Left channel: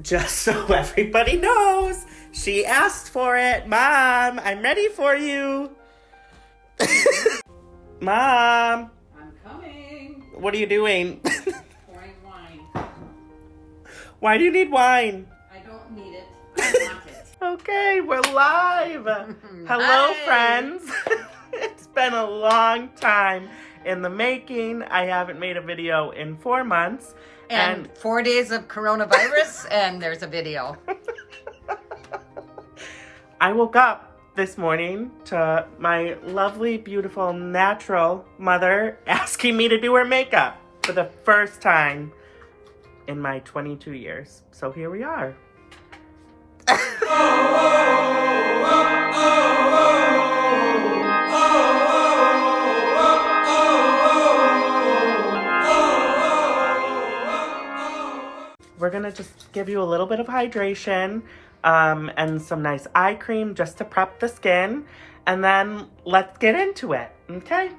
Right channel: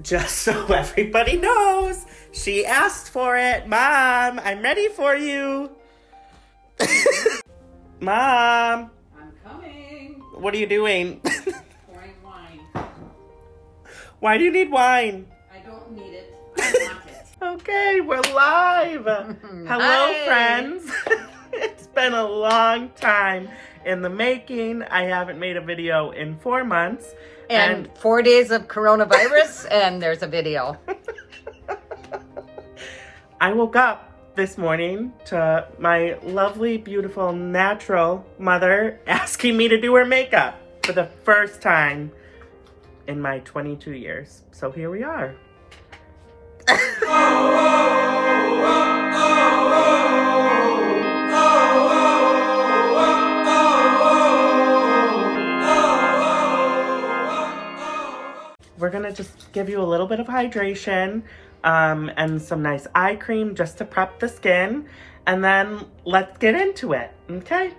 Just so everybody knows, she asked for it. Mom, I'm ready for you. Mom. I'm coming. What are you doing? Pouring wine. Why do you need wine? I don't need it. I want it. Okay, we're live. Hello, Hi. friends. It's been a long time in the making. I haven't made a video in 4 months. And 4 days of coronavirus, and there's a video. I woke up this morning to my lovely, beautiful, natural mother asking me to do her makeup for the first time in my 22 years. So here we are. We're gonna just give you a little bit of hydration and some nice eye cream just to prep the skin, and then let's get into it, okay?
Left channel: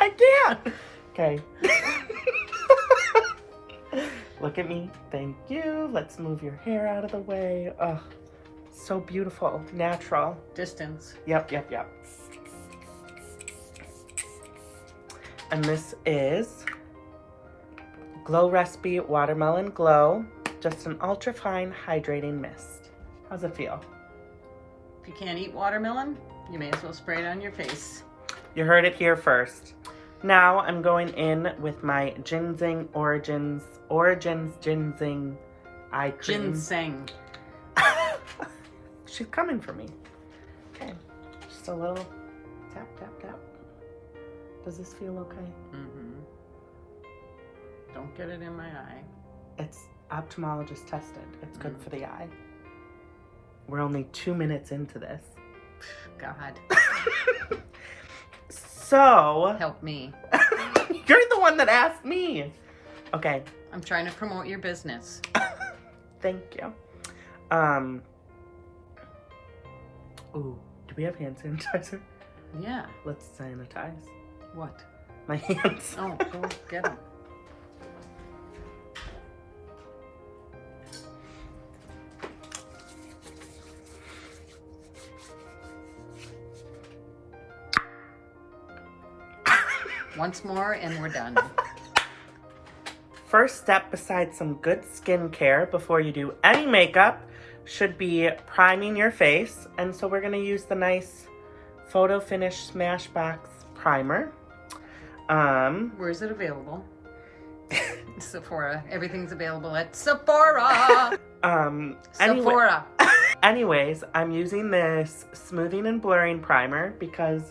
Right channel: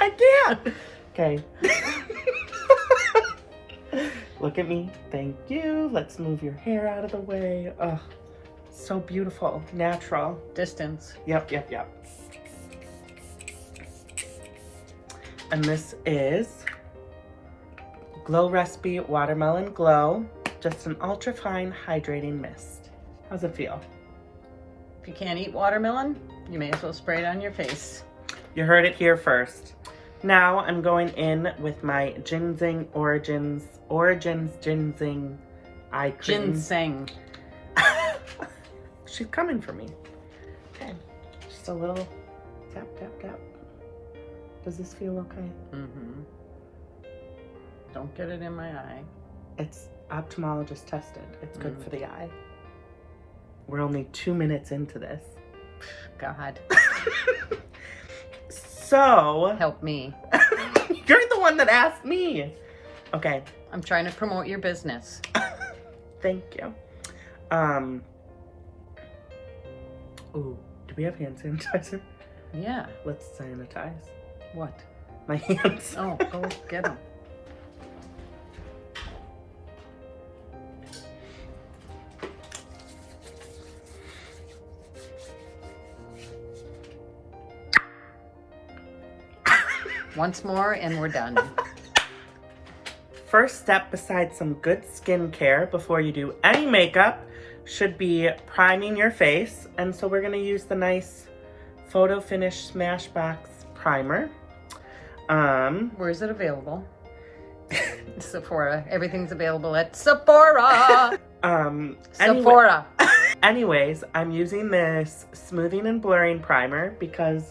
I can't. Okay. Look at me. Thank you. Let's move your hair out of the way. Oh, so beautiful. Natural. Distance. Yep. And this is Glow Recipe Watermelon Glow. Just an ultra-fine hydrating mist. How's it feel? If you can't eat watermelon, you may as well spray it on your face. You heard it here first. Now I'm going in with my Ginseng Origins Ginseng Eye Cream. Ginseng. She's coming for me. Okay. Just a little tap, tap, tap. Does this feel okay? Mm-hmm. Don't get it in my eye. It's ophthalmologist tested. It's good for the eye. We're only 2 minutes into this. God. So. Help me. You're the one that asked me. Okay. I'm trying to promote your business. Thank you. Ooh, do we have hand sanitizer? Yeah. Let's sanitize. What? My hands. Oh, go get them. Once more and we're done. First step, besides some good skincare before you do any makeup, should be priming your face. And so we're going to use the nice Photo Finish Smashbox primer. Where is it available? Sephora. Everything's available at Sephora. Sephora. Anyways, I'm using this smoothing and blurring primer because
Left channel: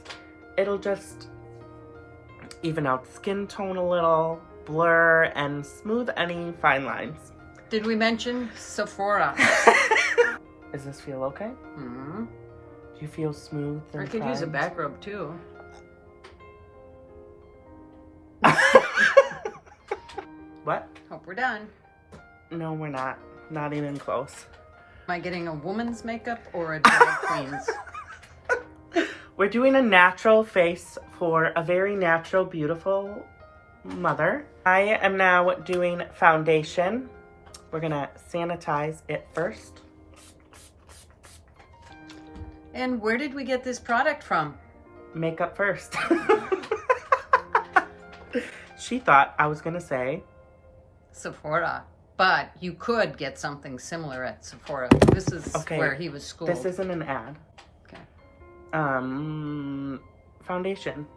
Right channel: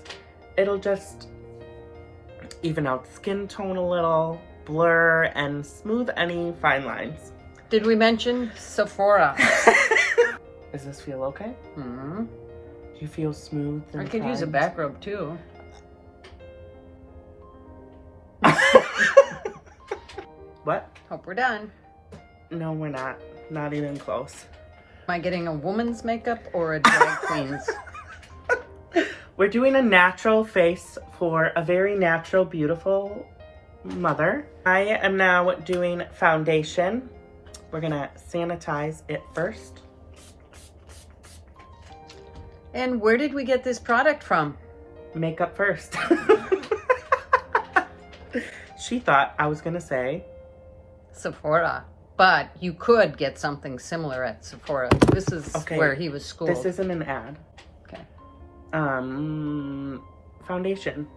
it'll just even out skin tone a little, blur, and smooth any fine lines. Did we mention Sephora? Does this feel okay? Mm-hmm. Do you feel smooth? I could use a back rub too. What? Hope we're done. No, we're not. Not even close. Am I getting a woman's makeup or a drag queen's? We're doing a natural face for a very natural, beautiful mother. I am now doing foundation. We're gonna sanitize it first. And where did we get this product from? Makeup first. She thought I was gonna say Sephora. But you could get something similar at Sephora. This is where he was schooled. This isn't an ad. Okay. Foundation.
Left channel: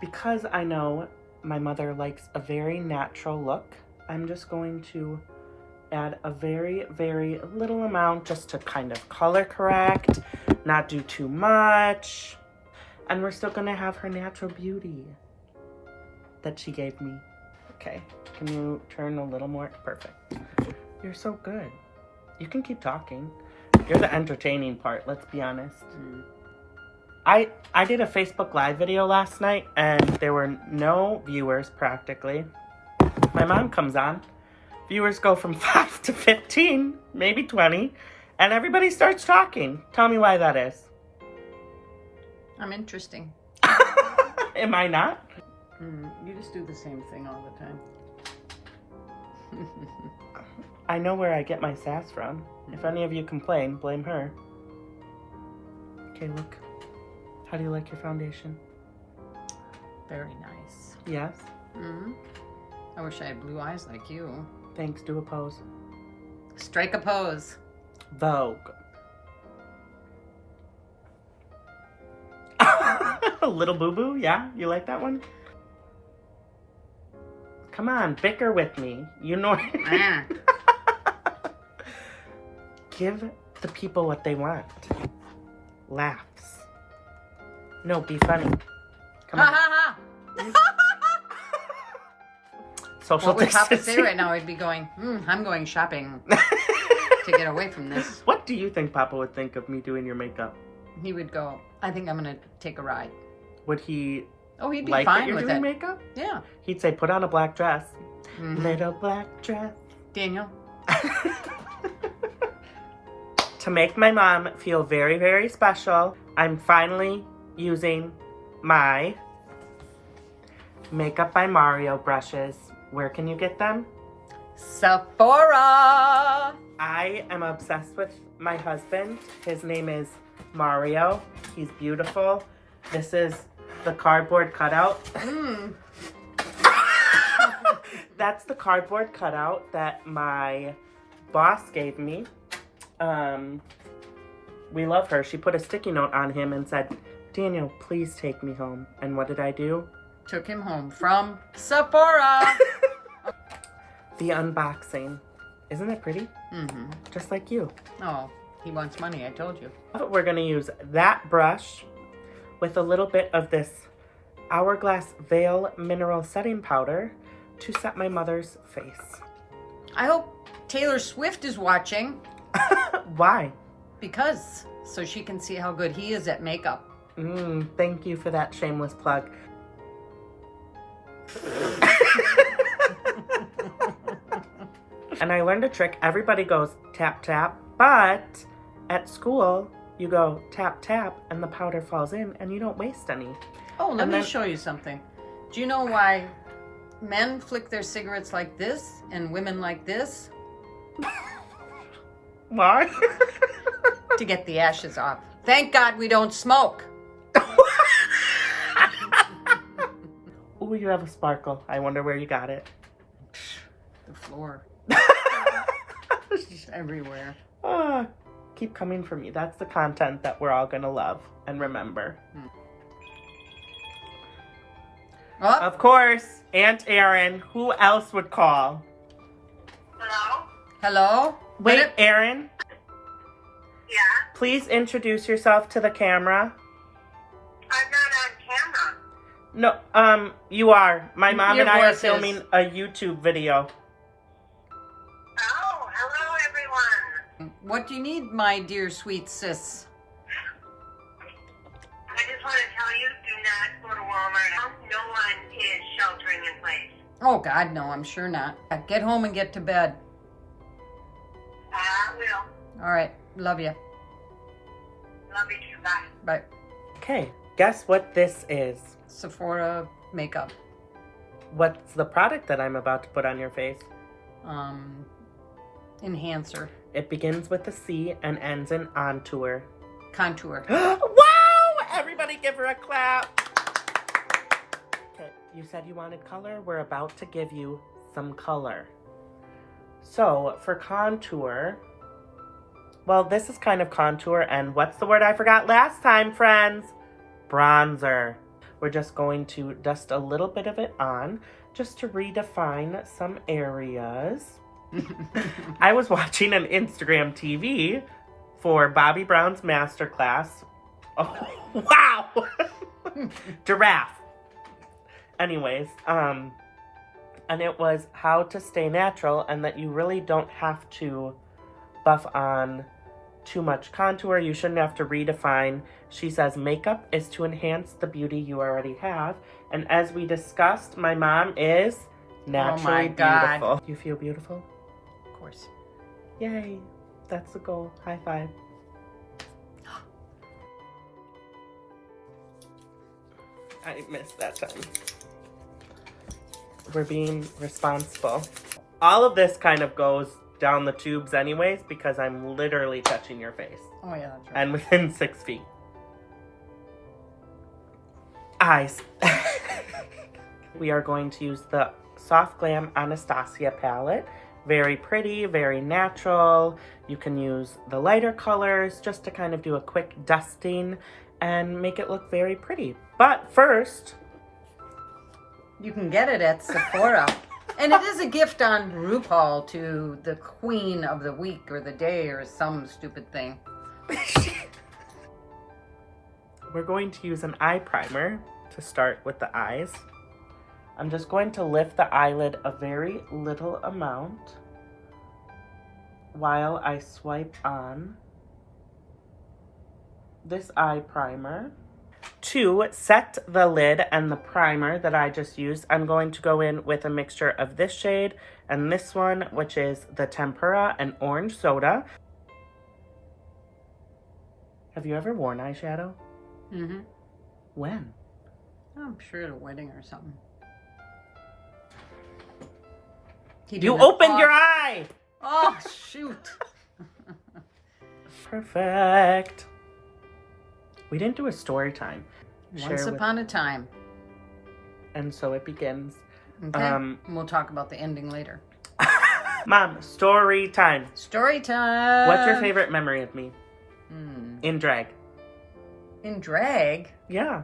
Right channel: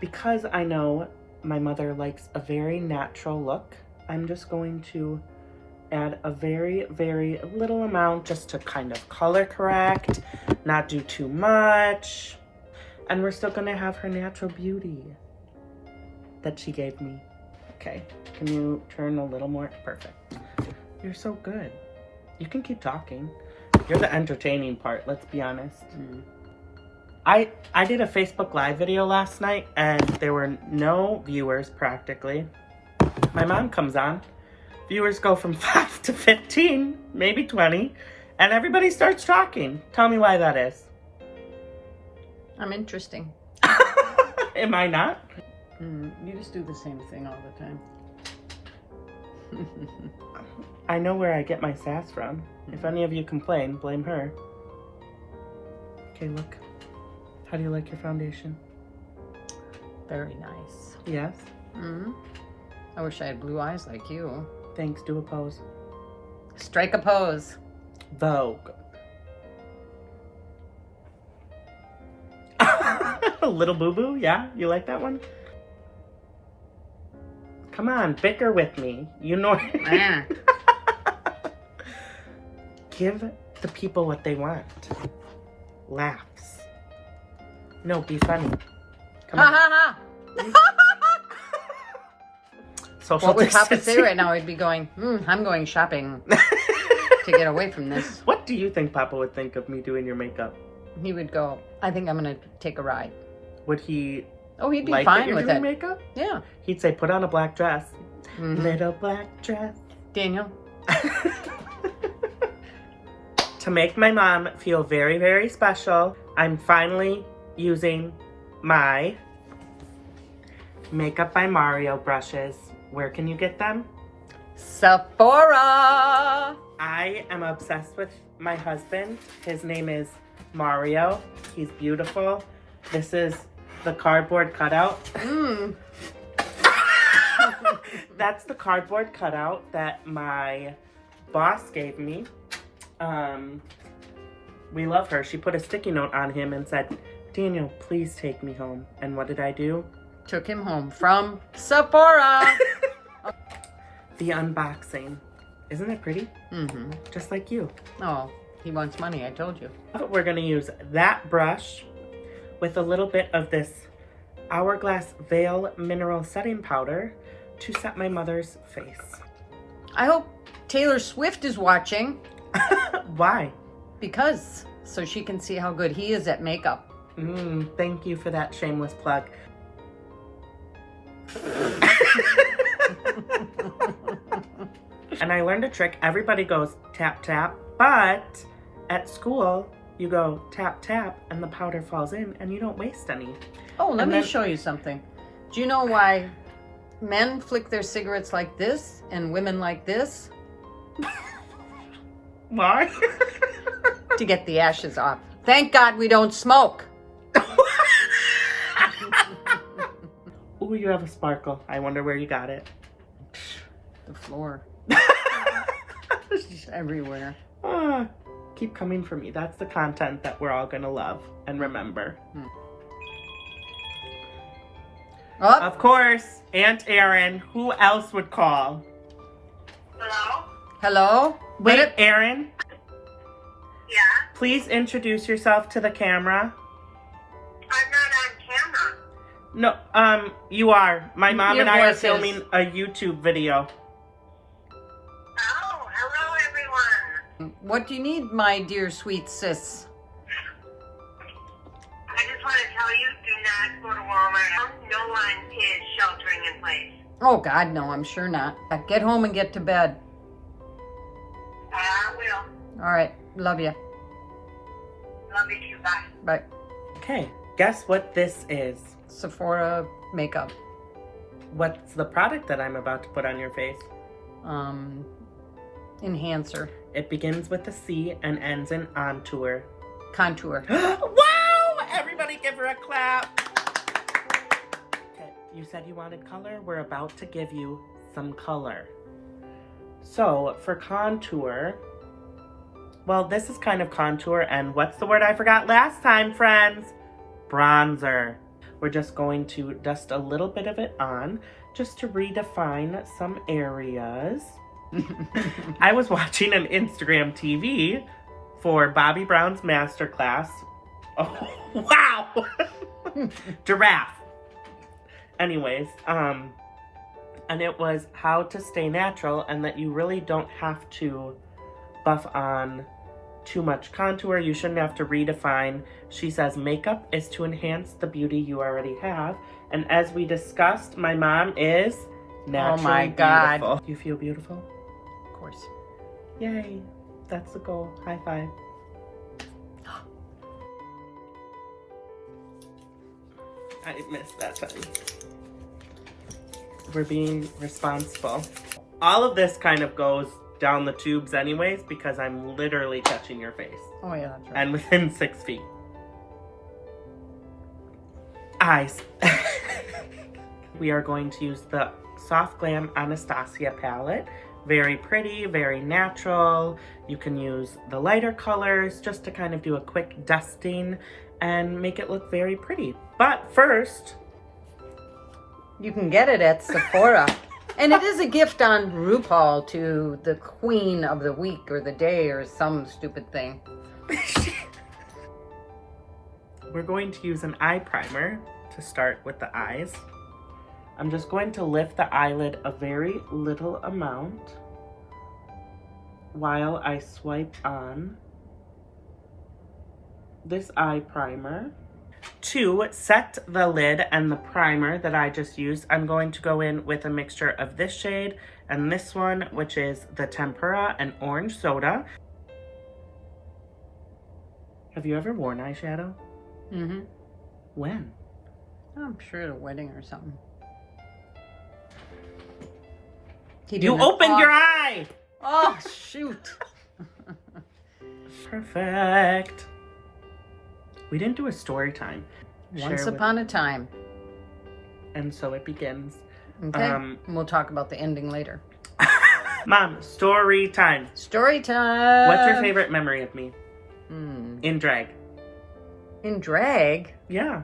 Because I know my mother likes a very natural look, I'm just going to add a very, very little amount just to kind of color correct, not do too much. And we're still gonna have her natural beauty that she gave me. Okay, can you turn a little more? Perfect. You're so good. You can keep talking. You're the entertaining part, let's be honest. I did a Facebook Live video last night and there were no viewers practically. My mom comes on. Viewers go from 5 to 15, maybe 20, and everybody starts talking. Tell me why that is. I'm interesting. Am I not? You just do the same thing all the time. I know where I get my sass from. If any of you complain, blame her. Okay, look. How do you like your foundation? Very nice. Yes? Mm-hmm. I wish I had blue eyes like you. Thanks. Do a pose. Strike a pose. Vogue. A little boo-boo? Yeah? You like that one? Come on, bicker with me. You know. Give the people what they want. Laughs. No, be funny. Come on. Ha Social What would Papa distancing. say right now? He'd be going, I'm going shopping to get away from this. What do you think Papa would think of me doing your makeup? He would go, I think I'm going to take a ride. Would he Oh, he'd be like fine that you're with doing it. makeup? Yeah. He'd say, put on a black dress. Mhm. Little black dress. Daniel. To make my mom feel very, very special, I'm finally using my Makeup by Mario brushes. Where can you get them? Sephora. I am obsessed with my husband. His name is Mario. He's beautiful. This is the cardboard cutout. That's the cardboard cutout that my boss gave me. We love her. She put a sticky note on him and said, Daniel, please take me home. And what did I do? Took him home from Sephora. The unboxing. Isn't it pretty? Mm-hmm. Just like you. Oh, he wants money, I told you. But we're going to use that brush with a little bit of this Hourglass Veil Mineral Setting Powder to set my mother's face. I hope Taylor Swift is watching. Why? Because, so she can see how good he is at makeup. Thank you for that shameless plug. And I learned a trick. Everybody goes tap, tap, but at school, you go tap, tap, and the powder falls in, and you don't waste any. Oh, let me show you something. Do you know why men flick their cigarettes like this and women like this? Why? To get the ashes off. Thank God we don't smoke. Ooh, you have a sparkle. I wonder where you got it. The floor. It's just everywhere. Keep coming for me. That's the content that we're all gonna love and remember. Oh. Of course, Aunt Erin. Who else would call? Hello? Hello? Wait, Erin. Yeah? Please introduce yourself to the camera. I'm not on camera. No, you are. My mom Your and I are voice is. filming a YouTube video. Oh, hello everyone. What do you need, my dear sweet sis? I just want to tell you, do not go to Walmart. No one is sheltering in place. Oh, God, no, I'm sure not. Get home and get to bed. I will. All right, love you. Love you too. Bye. Bye. Okay, guess what this is? Sephora makeup. What's the product that I'm about to put on your face? Enhancer. It begins with a C and ends in ontour. Contour. Wow! Everybody give her a clap. Okay, you said you wanted color. We're about to give you some color. So, for contour, well, this is kind of contour, and what's the word I forgot last time, friends? Bronzer. We're just going to dust a little bit of it on, just to redefine some areas. I was watching an Instagram TV for Bobby Brown's masterclass. Oh, wow! Giraffe. Anyways, and it was how to stay natural and that you really don't have to buff on too much contour. You shouldn't have to redefine. She says makeup is to enhance the beauty you already have. And as we discussed, my mom is naturally Oh my God. beautiful. You feel beautiful? Of course. Yay. That's the goal. High five. I missed that time. We're being responsible. All of this kind of goes down the tubes anyways because I'm literally touching your face. Oh, yeah, that's right. And within 6 feet. Eyes. We are going to use the Soft Glam Anastasia palette. Very pretty, very natural. You can use the lighter colors just to kind of do a quick dusting and make it look very pretty. But first, you can get it at Sephora. And it is a gift on RuPaul to the queen of the week or the day or some stupid thing. we're going to use an eye primer to start with the eyes. I'm just going to lift the eyelid a very little amount while I swipe on this eye primer. To set the lid and the primer that I just used, I'm going to go in with a mixture of this shade and this one, which is the Tempera and Orange Soda. Have you ever worn eyeshadow? Mm-hmm. When? I'm sure at a wedding or something. You opened your eye! Oh, shoot. Perfect. We didn't do a story time. Once upon a time. And so it begins. Okay. And we'll talk about the ending later. Mom, story time. Story time. What's your favorite memory of me? In drag. In drag? Yeah.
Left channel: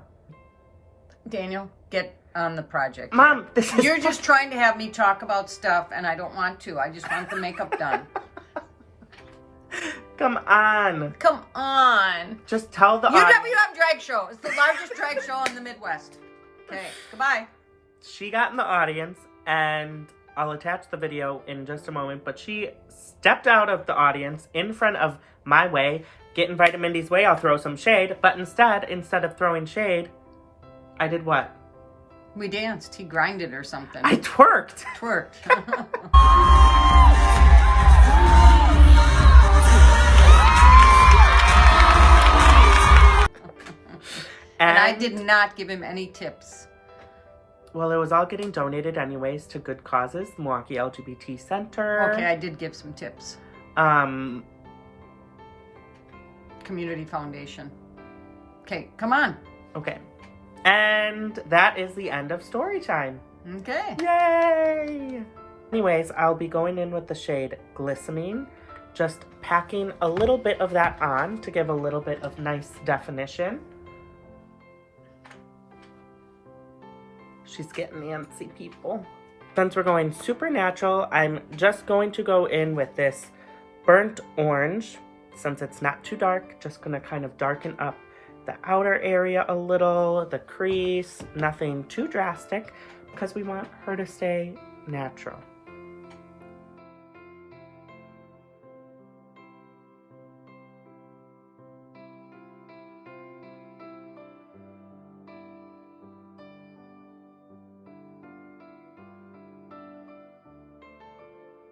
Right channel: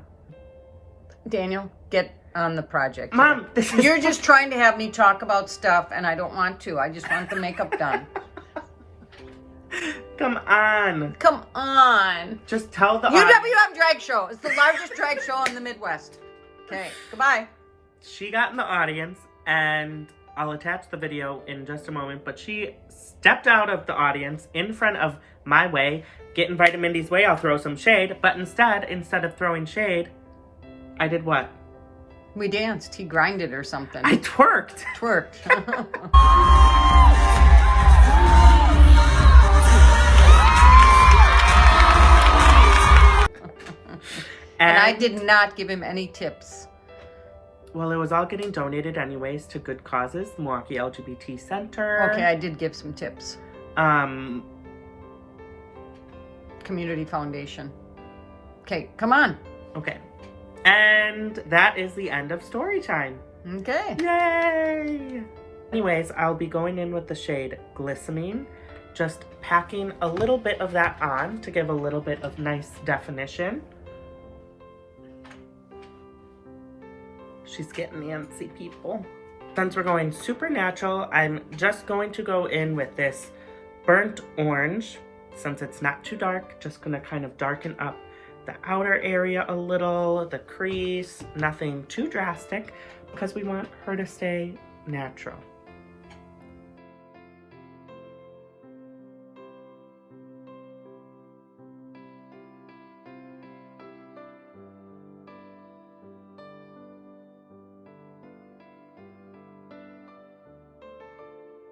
Daniel, get on the project. Mom, You're just trying to have me talk about stuff, and I don't want to. I just want the makeup done. Come on. Come on. Just tell the UWM Drag Show. It's the largest drag show in the Midwest. Okay, goodbye. She got in the audience, and I'll attach the video in just a moment, but she stepped out of the audience in front of my way. Get invited Mindy's way, I'll throw some shade. But instead of throwing shade, I did what? We danced. He grinded or something. I twerked. Twerked. And I did not give him any tips. Well, it was all getting donated anyways to good causes. Milwaukee LGBT Center. Okay, I did give some tips. Community Foundation. Okay, come on. Okay. And that is the end of story time. Okay. Yay! Anyways, I'll be going in with the shade Glistening. Just packing a little bit of that on to give a little bit of nice definition. She's getting antsy, people. Since we're going super natural, I'm just going to go in with this burnt orange. Since it's not too dark, just gonna kind of darken up the outer area a little, the crease, nothing too drastic, because we want her to stay natural.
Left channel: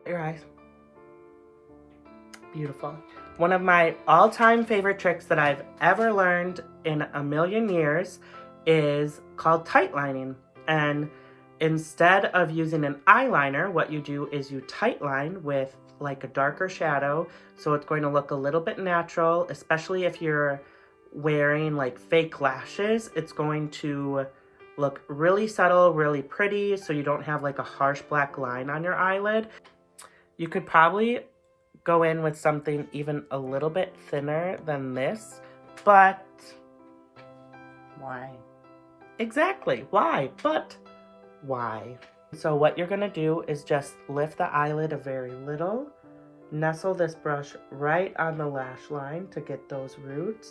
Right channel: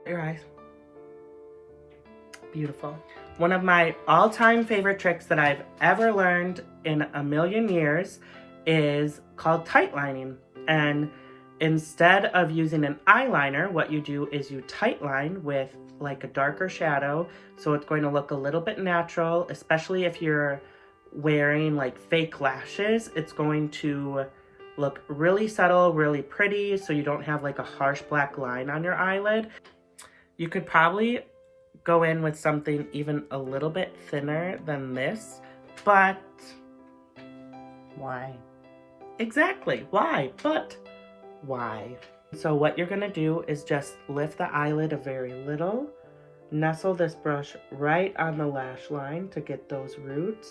Your eyes. Beautiful. One of my all-time favorite tricks that I've ever learned in a million years is called tight lining. And instead of using an eyeliner, what you do is you tight line with like a darker shadow. So it's going to look a little bit natural, especially if you're wearing like fake lashes. It's going to look really subtle, really pretty, so you don't have like a harsh black line on your eyelid. You could probably go in with something even a little bit thinner than this, but why? Exactly, why? But why? So what you're gonna do is just lift the eyelid a very little, nestle this brush right on the lash line to get those roots.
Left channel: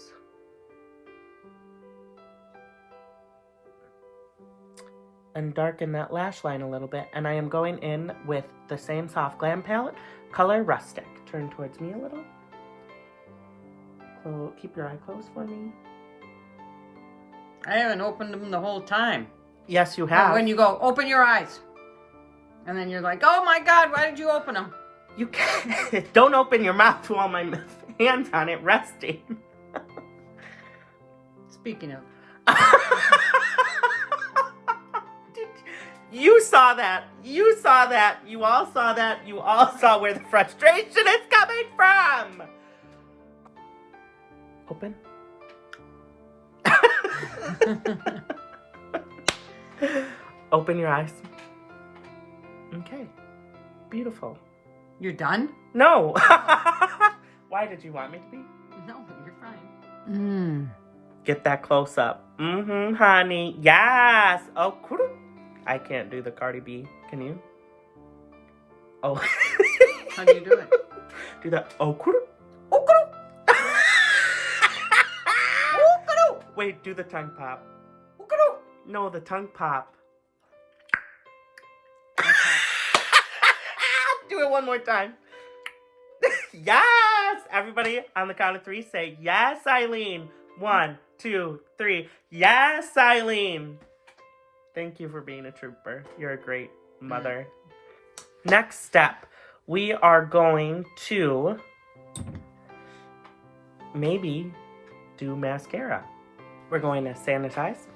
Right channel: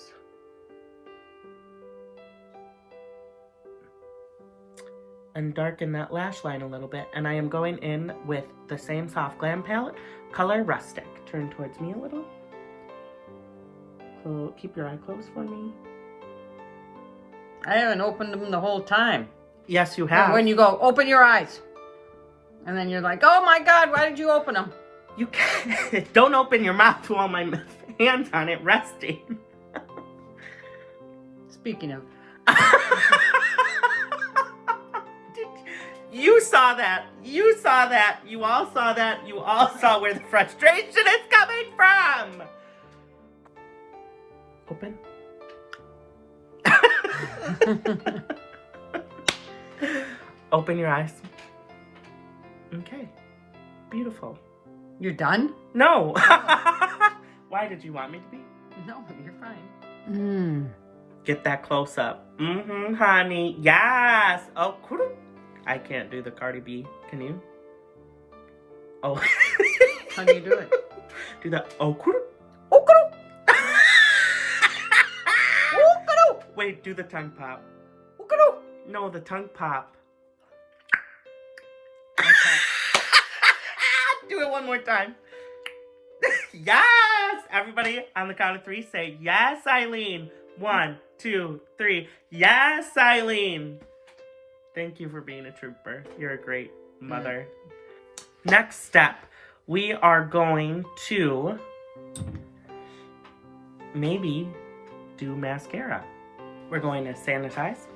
And darken that lash line a little bit. And I am going in with the same Soft Glam palette, color Rustic. Turn towards me a little. So keep your eye closed for me. I haven't opened them the whole time. Yes, you have. When you go, open your eyes. And then you're like, oh my God, why did you open them? You can't. Don't open your mouth while my hand's on it resting. Speaking of. You saw that. You saw that. You all saw that. You all saw where the frustration is coming from. Open. Open your eyes. Okay. Beautiful. You're done? No. Why did you want me to be? No, you're fine. Get that close up. Honey. Yes. Oh, cool. I can't do the Cardi B. Can you? Oh. How do you do it? Do that. Oh, cool. Oh, cool. Oh, cool. Wait, do the tongue pop. Oh, cool. No, the tongue pop. Okay. Do it one more time. Yes! Everybody, on the count of 3, say, yes, Eileen. 1, 2, 3. Yes, Eileen. Thank you for being a trooper. You're a great mother. Next step, we are going to maybe do mascara. We're going to sanitize.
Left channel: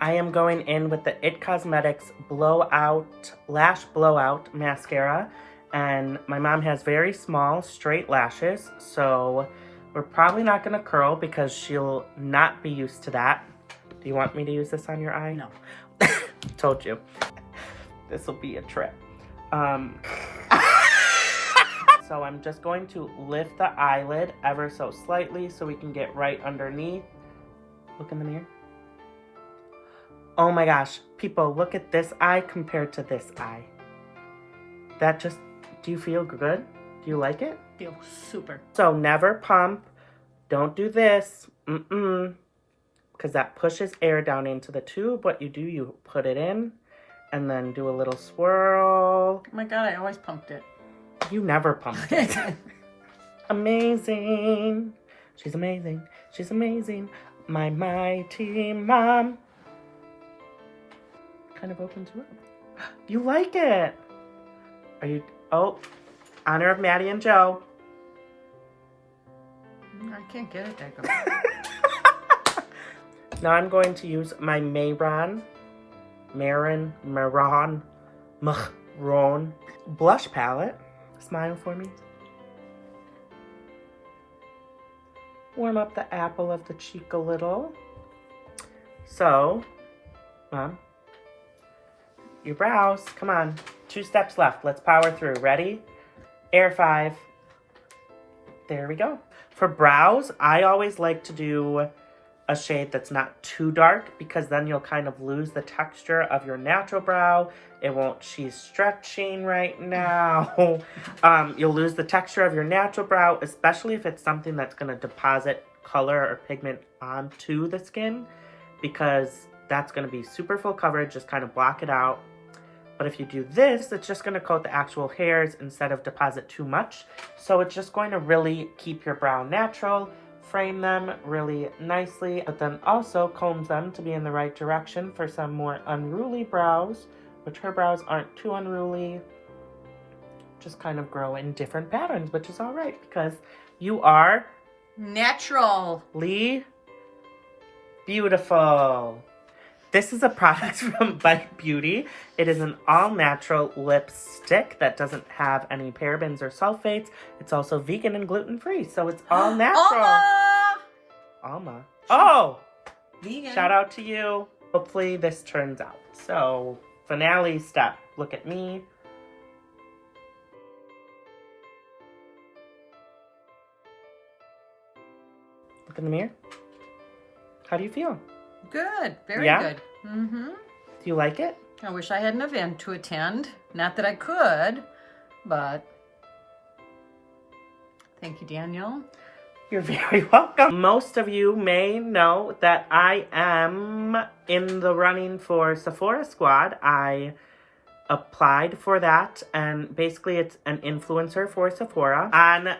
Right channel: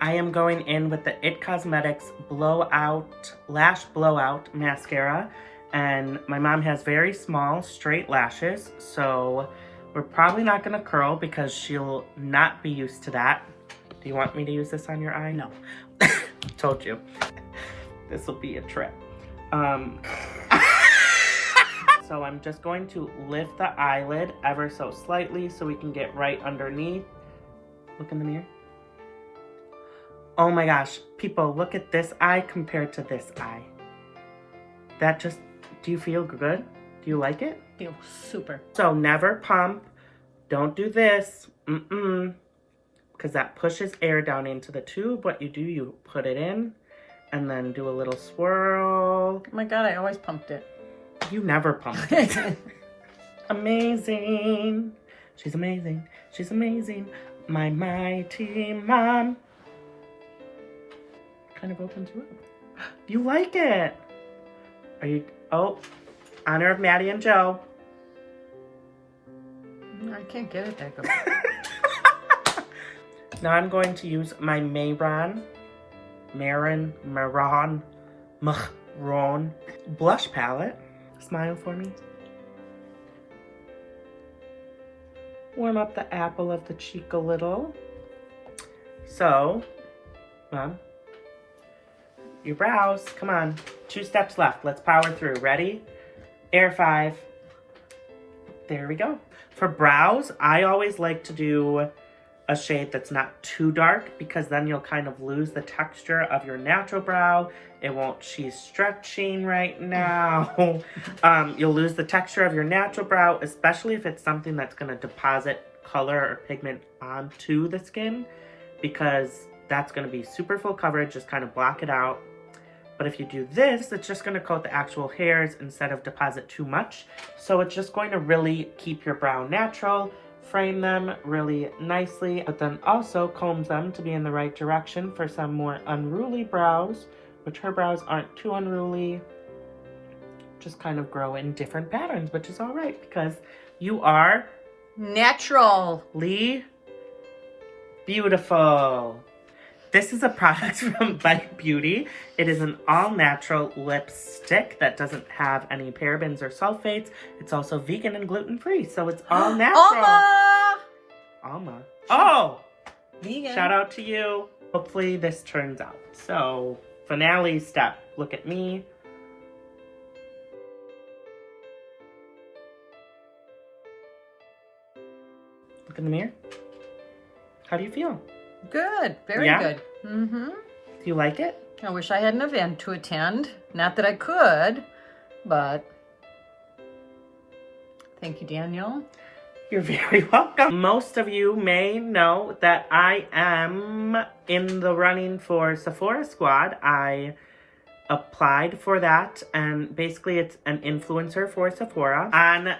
I am going in with the It Cosmetics Lash Blowout Mascara. And my mom has very small, straight lashes. So we're probably not going to curl because she'll not be used to that. Do you want me to use this on your eye? No. Told you. This will be a trip. So I'm just going to lift the eyelid ever so slightly so we can get right underneath. Look in the mirror. Oh my gosh, people, look at this eye compared to this eye. That just, do you feel good? Do you like it? Feel super. So never pump. Don't do this. Because that pushes air down into the tube. What you do, you put it in and then do a little swirl. Oh my God, I always pumped it. You never pump it. Amazing. She's amazing. She's amazing. My mighty mom. Kind of opens you up. You like it. Are you, oh, honor of Maddie and Joe. I can't get it that good. Now I'm going to use my Maron blush palette. Smile for me. Warm up the apple of the cheek a little. So, Mom, your brows, come on. 2 steps left. Let's power through. Ready? Air 5. There we go. For brows, I always like to do a shade that's not too dark because then you'll kind of lose the texture of your natural brow. It won't, she's stretching right now. You'll lose the texture of your natural brow, especially if it's something that's going to deposit color or pigment onto the skin because that's going to be super full coverage, just kind of block it out. But if you do this, it's just going to coat the actual hairs instead of deposit too much. So it's just going to really keep your brow natural, frame them really nicely, but then also combs them to be in the right direction for some more unruly brows, which her brows aren't too unruly. Just kind of grow in different patterns, which is all right because you are naturally beautiful. This is a product from Bite Beauty. It is an all-natural lipstick that doesn't have any parabens or sulfates. It's also vegan and gluten-free, so it's all natural. Alma. Oh! Vegan. Shout out to you. Hopefully this turns out. So, finale step. Look at me. Look in the mirror. How do you feel? Good. Very good. Mm-hmm. Do you like it? I wish I had an event to attend. Not that I could, but thank you, Daniel. You're very welcome. Most of you may know that I am in the running for Sephora Squad. I applied for that, and basically it's an influencer for Sephora. On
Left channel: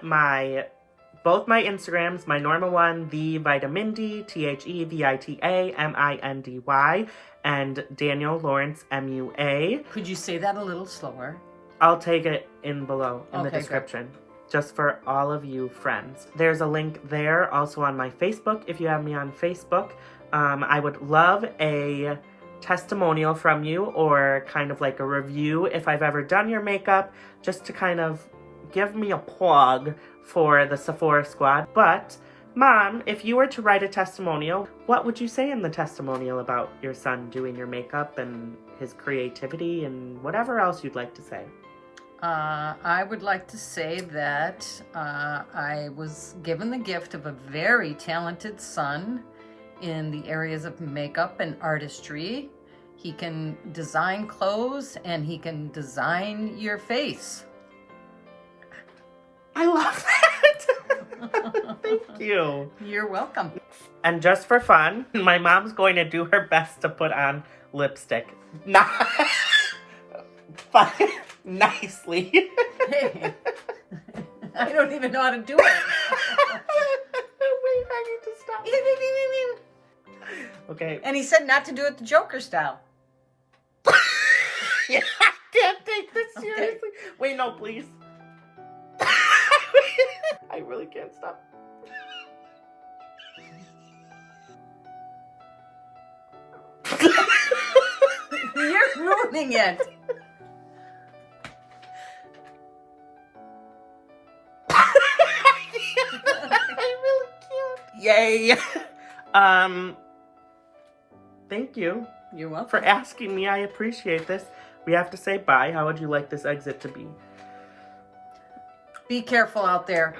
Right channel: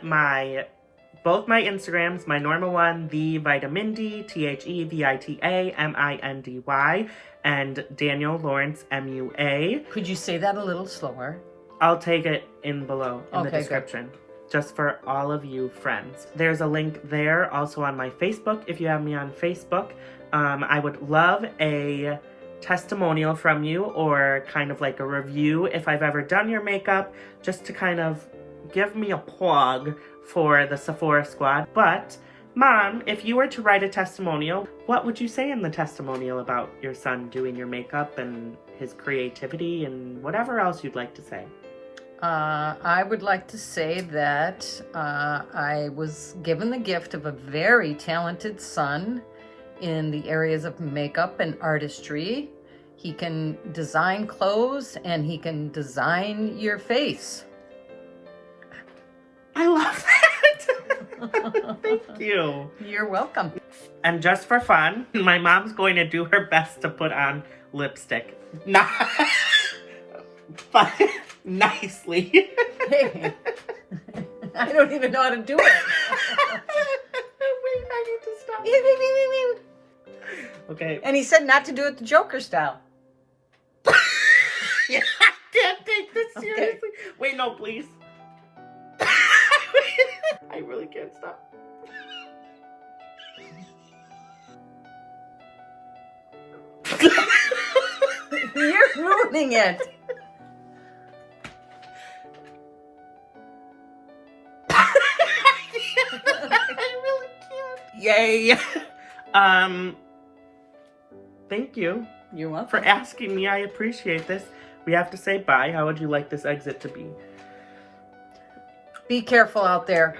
both my Instagrams, my normal one, the Vitamin D, TheVitaMindy, and Daniel Lawrence, MUA. Could you say that a little slower? I'll take it in below in the Okay, description. Just for all of you friends. There's a link there, also on my Facebook, if you have me on Facebook. I would love a testimonial from you, or kind of like a review if I've ever done your makeup, just to kind of give me a plug for the Sephora squad. But Mom, if you were to write a testimonial, what would you say in the testimonial about your son doing your makeup and his creativity and whatever else you'd like to say? I would like to say that I was given the gift of a very talented son in the areas of makeup and artistry. He can design clothes and he can design your face. I love that. Thank you. You're welcome. And just for fun, my mom's going to do her best to put on lipstick. Not but nicely. Hey, I don't even know how to do it. Wait, I need to stop. Okay. And he said not to do it the Joker style. Yeah, I can't take this Okay. seriously. Wait, no, please. I really can't stop. You're ruining it. I really can't. Yay. Thank you You're welcome. for asking me. I appreciate this. We have to say bye. How would you like this exit to be? Be careful out there.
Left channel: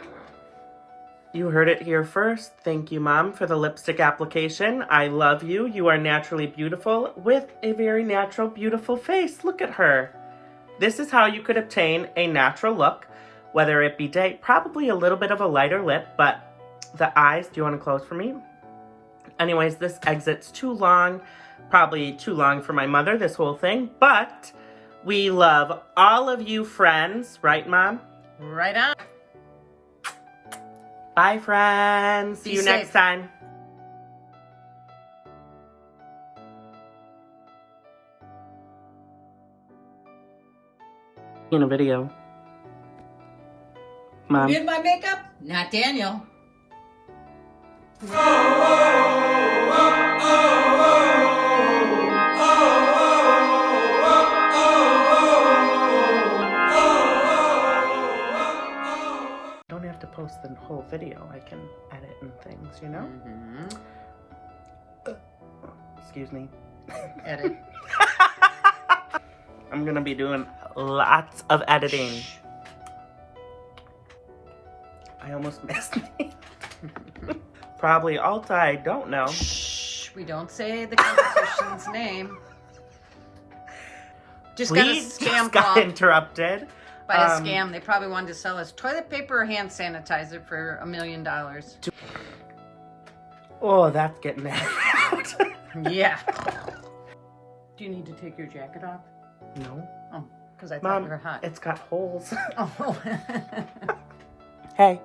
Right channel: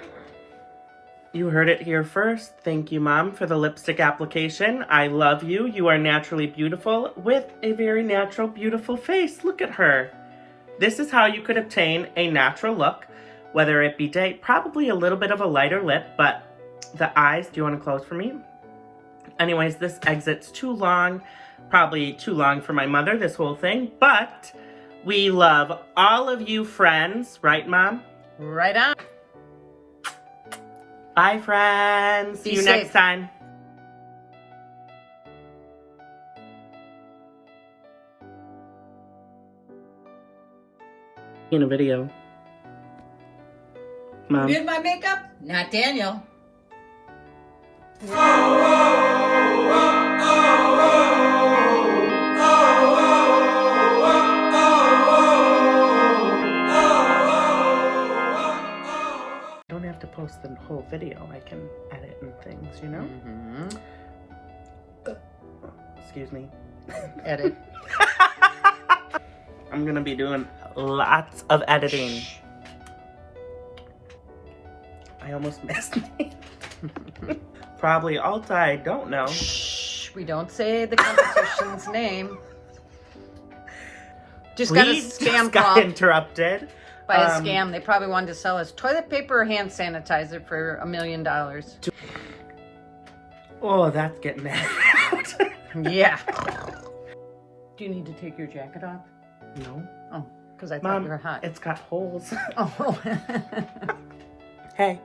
You heard it here first. Thank you, Mom, for the lipstick application. I love you. You are naturally beautiful with a very natural, beautiful face. Look at her. This is how you could obtain a natural look, whether it be day, probably a little bit of a lighter lip, but the eyes, do you want to close for me? Anyways, this exit's too long, probably too long for my mother, this whole thing, but we love all of you friends, right, Mom? Right on. Bye, friends. Be See you safe. next time. In a video. Mom. Did my makeup? Not Daniel. Don't have to post the whole video. I can edit and things, you know? Mm-hmm. Excuse me. Edit. I'm gonna be doing lots of editing. I almost missed me. Probably Alta, I don't know. Shh. We don't say the competition's name. Just got a We scam just got call interrupted. by a scam. They probably wanted to sell us toilet paper or hand sanitizer for $1 million. Oh, that's getting out. Yeah. Do you need to take your jacket off? No. Oh, because I thought Mom, you were hot. it's got holes. Oh. Hey.